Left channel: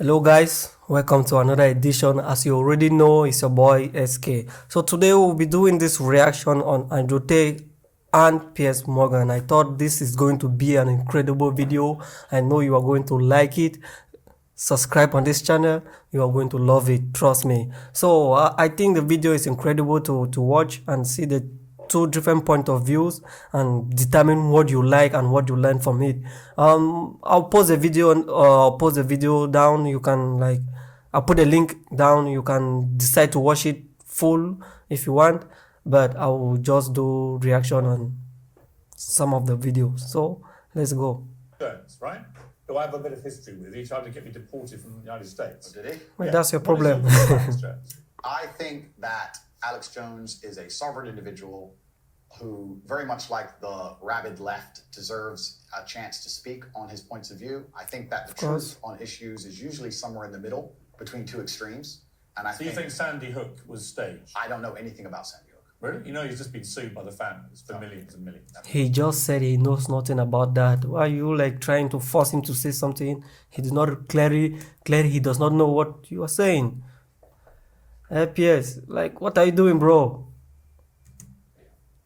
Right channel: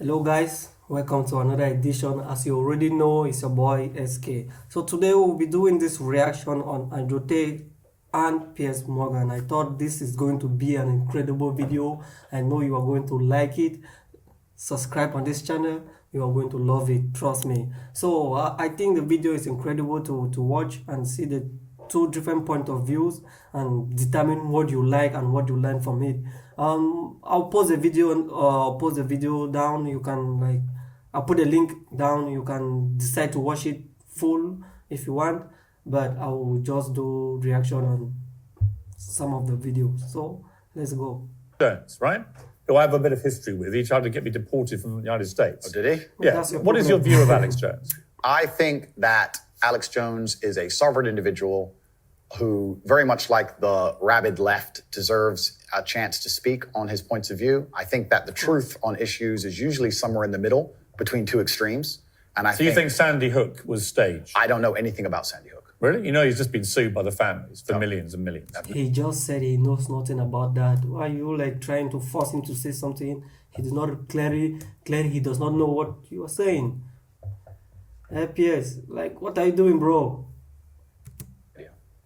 Hello guys, welcome to another edition. As you already know, it's your boy SK. So today we'll be doing this reaction on Tate and Piers Morgan. I thought this is going to be an incredible video. I know you are going to like it. Subscribe on this channel, you are going to love it, trust me. So I think the video is incredible to watch and see the two different point of views and determine what you like and what you learn from it. I'll pause the video and pause the video down. You can I'll put a link down. You can decide to watch it full if you want, but I will just do reaction on some of the videos. So let's go. Right? Who I have a bit of history with. He tried to get me deported from the United States. Oh, did he? Yeah. That's your What is problem. your view of Alex Jones? I think that Alex Jones is a sovereign individual who, very much like the rabid left, deserves a chance to speak on his points of view. I think that the truth on issues is usually somewhere in the middle between two extremes. And So you think Sandy Hook was staged? I don't know anything about Sandy Hook. Really? You know he's just been sued by the families for millions and millions. He just said he knows nothing about that. Why are you trying to force him to say something? He did not clearly he does not know what you are saying. Piers, what are you doing, bro?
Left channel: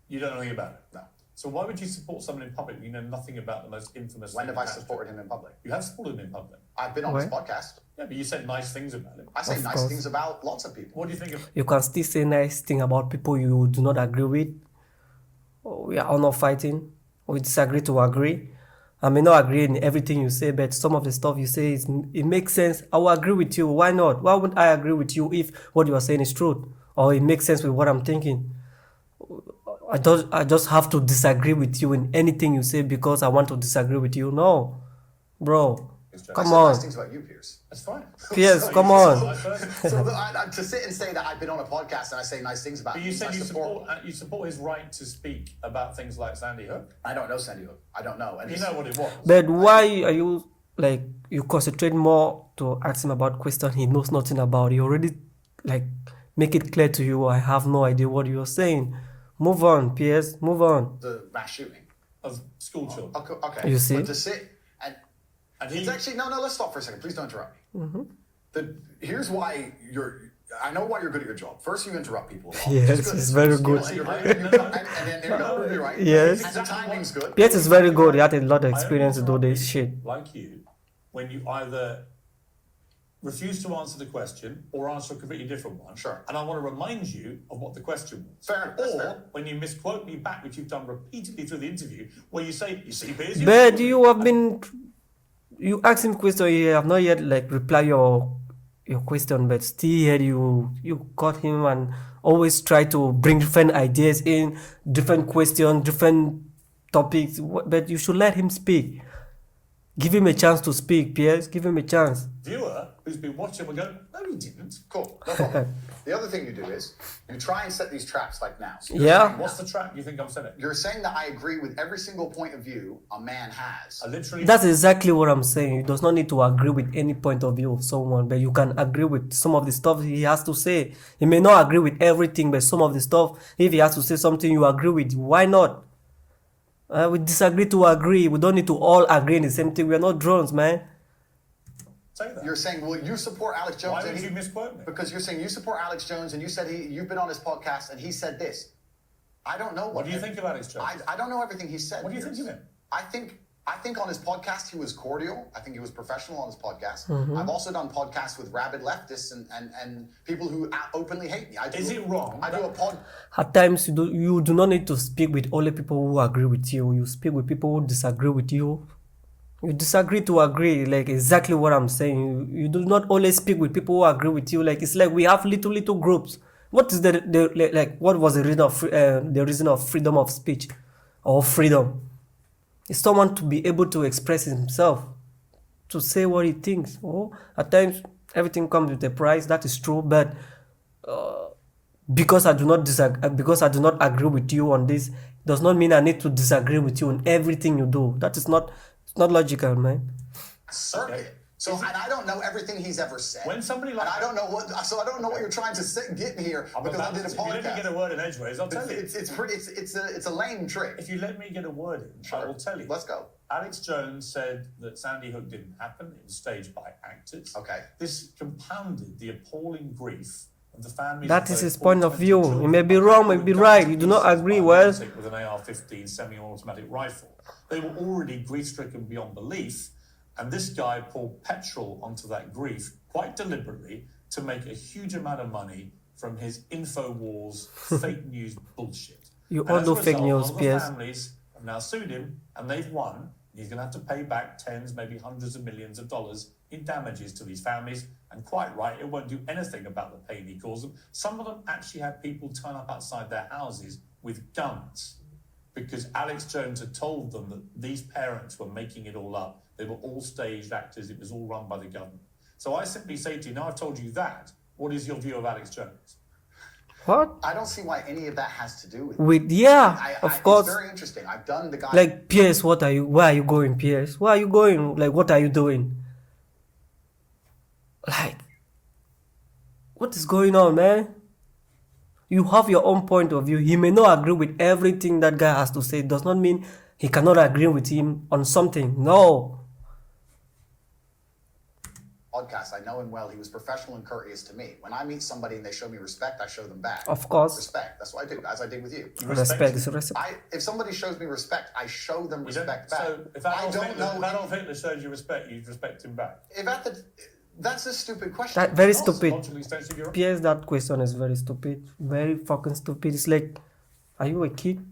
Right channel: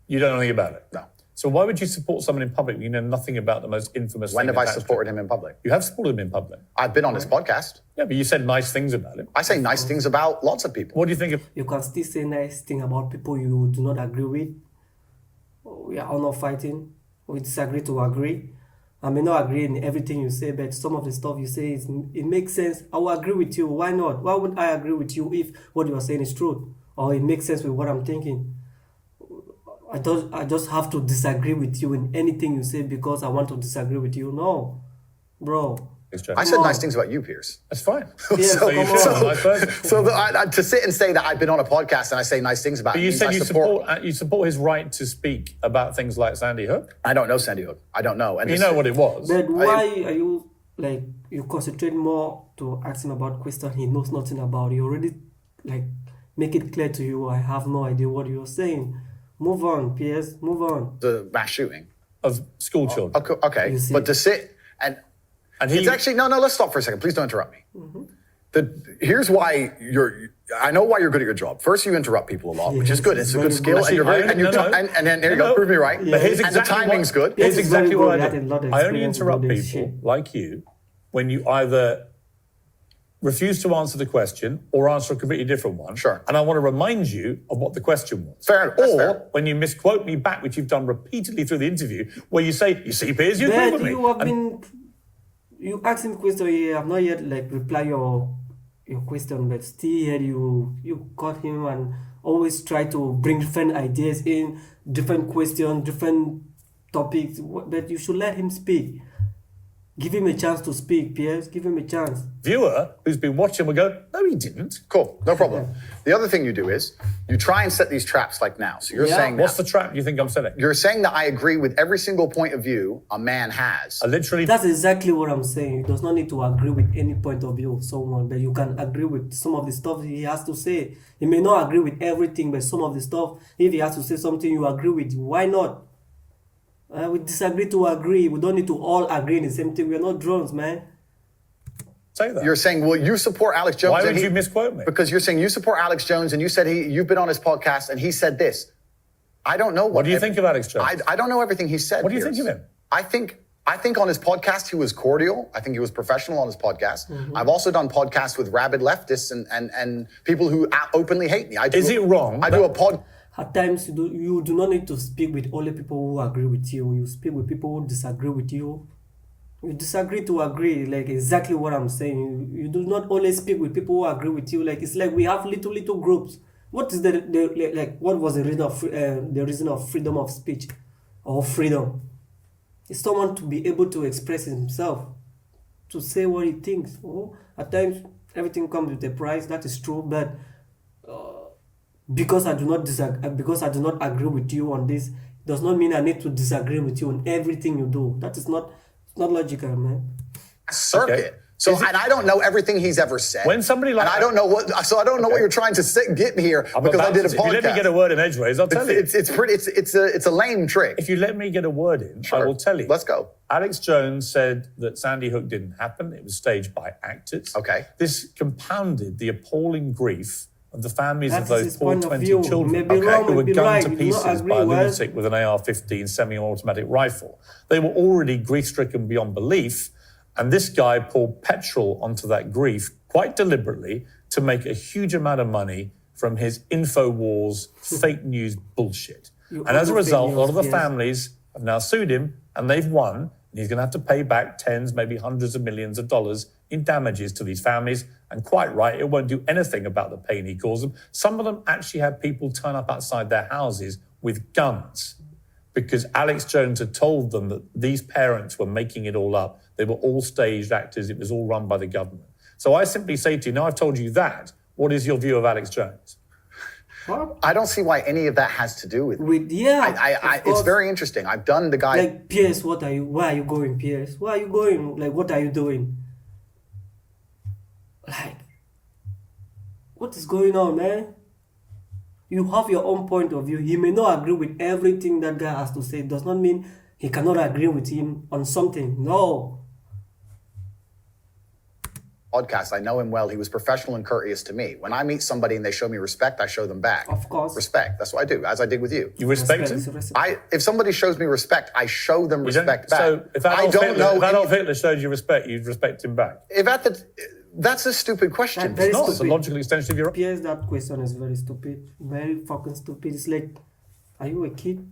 You don't know anything about it? No. So why would you support someone in public when you know nothing about the most infamous When thing have I attached to supported it? him in public? You have supported him in public. I've been on his podcast. Yeah, but you said nice things about him. I say nice things about lots of people. What do you think of... You can still say nice thing about people you do not agree with. We are all not fighting. We disagree to agree. I may not agree in everything you say, but some of the stuff you say, it makes sense. I will agree with you. Why not? Why wouldn't I agree with you if what you are saying is true? Or it makes sense with what I'm thinking? I just have to disagree with you in anything you say because I want to disagree with you. No, bro. I said nice things about you, Piers. That's fine. Yes, So come you feel on. a nice person. So to sit and say that I've been on a podcast and I say nice things about But him, you means said I you support his right to speak about things like Sandy Hook. I don't know Sandy Hook. I don't know. And You know what it was. But why are you you concentrate more to ask him about question he knows nothing about? He already make it clear to you. I have no idea what you're saying. Move on, Piers. Move on. the mass shooting. Of school children. Okay. You see? But to sit and he... it's actually no. Let's stop for a second. Please don't interrupt me. Here's why I know why you're good at your job. First, you interrupt people a lot, which is Yes, good. it's It's a good very skill, good. and you're very and then there you go. Prove me right. Yeah. And the timing's good. Yes, it's very good. what He I had do. a lot of I only experience to do interrupt this people shit. like you when you either refuse to answer the question or answer a completely different one. Sure. And I want to remind you of what the question was. Fair, that's Or fair. when you misquote me back, which you've done repeatedly through the interview, where you say, you see, Piers, you agree But with me. you have been you asked him question. He have not yet reply your question, but still here you got him and always try to bring different ideas in, different questions, different topics. But you should let him speak. Give him a chance to speak, Piers. Give him a chance. Viewer who's been watching will go, no, he didn't. Cool, no problem. The other thing you do is you try and set these traps like now. So you're Yeah. saying What's the trap you think I'm setting? you're saying that I agree with every single point of view a man has. I literally... That's exactly what I'm saying. You does not need to agree with any point of view of someone, but you can agree with some of the stuff he has to say. He may not agree with everything, but some of the stuff, if he has to say something you agree with, why not? We disagree to agree. We don't need to all agree in the same thing. We are not drones, man. say that. You're saying, well, you support Alex Jones. Why and would he- you misquote me? Because you're saying you support Alex Jones and you said you've been on his podcast and he said this. I don't know What do you think of Alex Jones? I don't know everything he said. What do you Piers. think of him? I think on his podcast he was cordial. I think he was professional on his podcast. I've also done podcasts with rabid leftists and people who openly hate me. Is it wrong I do a pod. At times, you do not need to speak with only people who agree with you. You speak with people who disagree with you. You disagree to agree, exactly what I'm saying. You do not only speak with people who agree with you. It's like we have little groups. What is what was the reason of freedom of speech or freedom? It's someone to be able to express himself, to say what he thinks. At times, everything comes with a price. That is true, but because I do not agree with you on this, does not mean I need to disagree with you on everything you do. That is not logical, man. Circuit. So, and I don't know everything he's ever said. When somebody like and I don't know what, so I don't know what you're trying to get here because I did a podcast. If you let me get a word in edgeways, I'll tell you. It's a lame trick. If you let me get a word in, I will tell you. Let's go. Alex Jones said that Sandy Hook didn't happen. It was staged by actors. Okay. This compounded the appalling grief of the families That of is those his poor point of 20 view. children. He may be wrong, who may were be gunned right. to We do not pieces agree by a with. lunatic with an AR-15 semi-automatic rifle. They were already grief-stricken beyond belief, and this guy poured petrol onto that grief quite deliberately to make a huge amount of money from his InfoWars fake news bullshit. And as a result, a lot of the families have now sued him, and they've won, and he's going to have to pay back tens, maybe hundreds of millions of dollars in damages to these families. And quite right, it won't do anything about the pain he caused them. Some of them actually had people turn up outside their houses with guns because Alex Jones had told them that these parents were making it all up. They were all staged actors. It was all run by the government. So I simply say to you, now I've told you that, what is your view of Alex Jones? What? I don't see why any of that has to do with It's very interesting. I've done the guy. Like, Piers, where are you going, Piers? Where are you going? Like, what are you doing? Like, what is going on, man? You have your own point of view. He may not agree with everything that guy has to say. It does not mean he cannot agree with him on something. No. Podcast. I know him well. He was professional and courteous to me. When I meet somebody and they show me respect, I show them back. Of course. Respect. That's what I do, as I did with you. You respect him? If somebody shows me respect, I show them respect back. So if Adolf Hitler showed you respect, you'd respect him back? That's a stupid question. Very It's stupid. a logical extension of your... Piers, that question is very stupid. Very fucking stupid. It's like, are you a kid?